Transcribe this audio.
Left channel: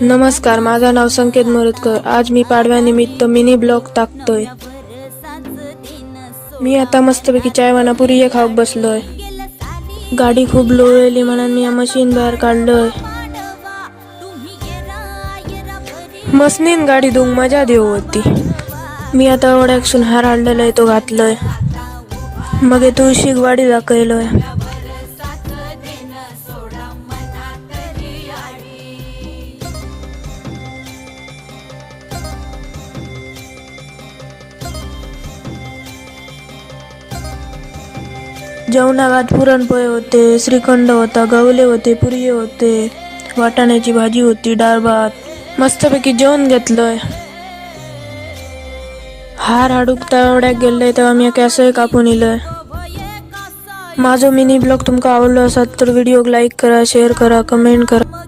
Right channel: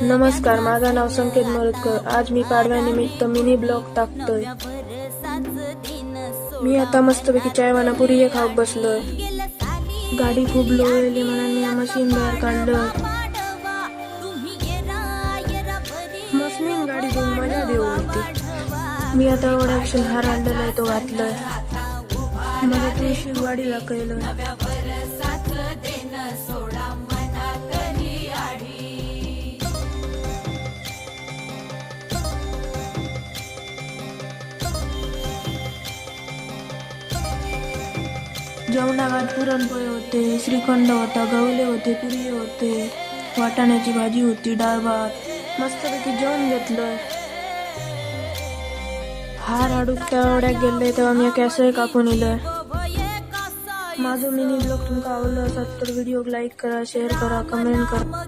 नमस्कार, माझं नाव संकेत मोरतकर. आज मी पाडव्यानिमित्त मिनी ब्लॉग टाकतोय. मी आता मस्तपैकी चायवाना पुरी हे खात बसलोय. गाडी खूप लोळलेली म्हणून मी मशीन बाहेर काढलंय. मसनीन गाडी धुवून मजा देऊ होती. मी आता ओढ्याकसून हार आणलेला आहे तो घातलोय. मग तुळशीक वाडी दाखवलोय. जेवणात पुरणपोळी होते, श्रीखंड होता, गवले होते, पुरी होते, वाटाण्याची भाजी होती, डाळ भात. मस्तपैकी जेवण घेतलंय. हार हाडूक तळवड्याक गेलंय तेव्हा मी कॅसय कापून इलय. माझो मिनी ब्लॉग तुमका आवडलो असात तर व्हिडिओ लाईक करा, शेअर करा, कमेंट करा.